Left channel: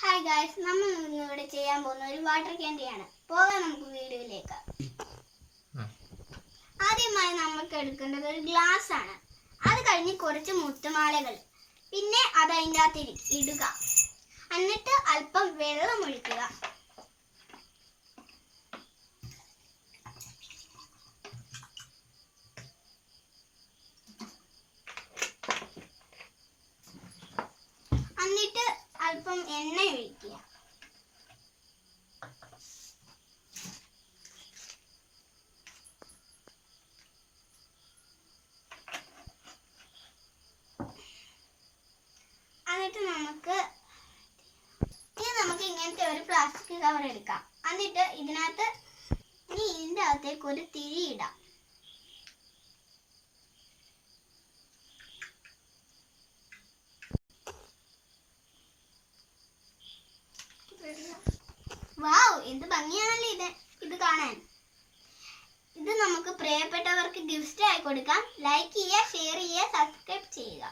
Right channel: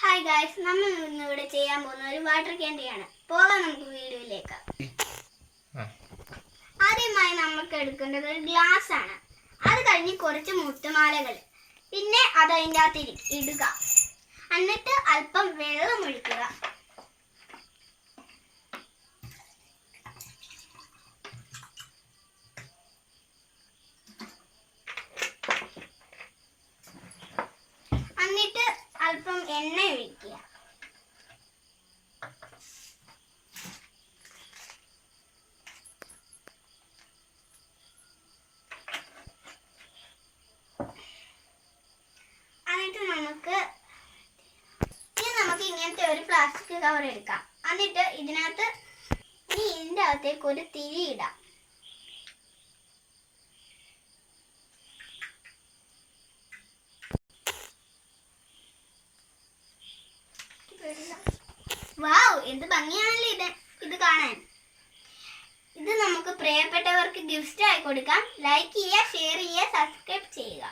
Hi guys, നമ്മൾ ഇന്നിവിടെ ചെയ്യാൻ പോകുന്ന ഒരു വാട്ടർ ക്യാൻഡിയാണ്. പോകാം നമുക്ക് വീഡിയോയിലേക്ക്. ആദ്യമായി നമുക്ക് എടുക്കേണ്ടത് ഒരു ഗ്ലാസ് ആണ്. അത് കഴിഞ്ഞ് കുറച്ച് മുത്തുമാലകൾ, പിന്നെ അത് അതിൻ്റെ അകത്ത് ഇടുക. എന്നിട്ട് അല്പം വെള്ളം ഒഴിക്കുക. എന്നിട്ട് അല്പം എണ്ണ ഒഴിക്കുക. എന്നിട്ട് നമുക്ക് ഇങ്ങനത്തെ ഒരു പ്ലാസ്റ്റിക് കവർ എടുക്കാം. എന്നിട്ട് ഇതിൻ്റെ അകത്തേക്ക് ഒരു തിരി ഇടാം. വാവ്, എന്ത് ഭംഗിയാണല്ലോ ഇത് കാണാൻ. ഇത് നമുക്ക് പ്രിയപ്പെട്ടവർക്ക് ഗിഫ്റ്റ് ആയി കൊടുക്കാം. ലൈക്ക് ചെയ്യുക, ഷെയർ ചെയ്യുക, സബ്സ്ക്രൈബ് ചെയ്യുക.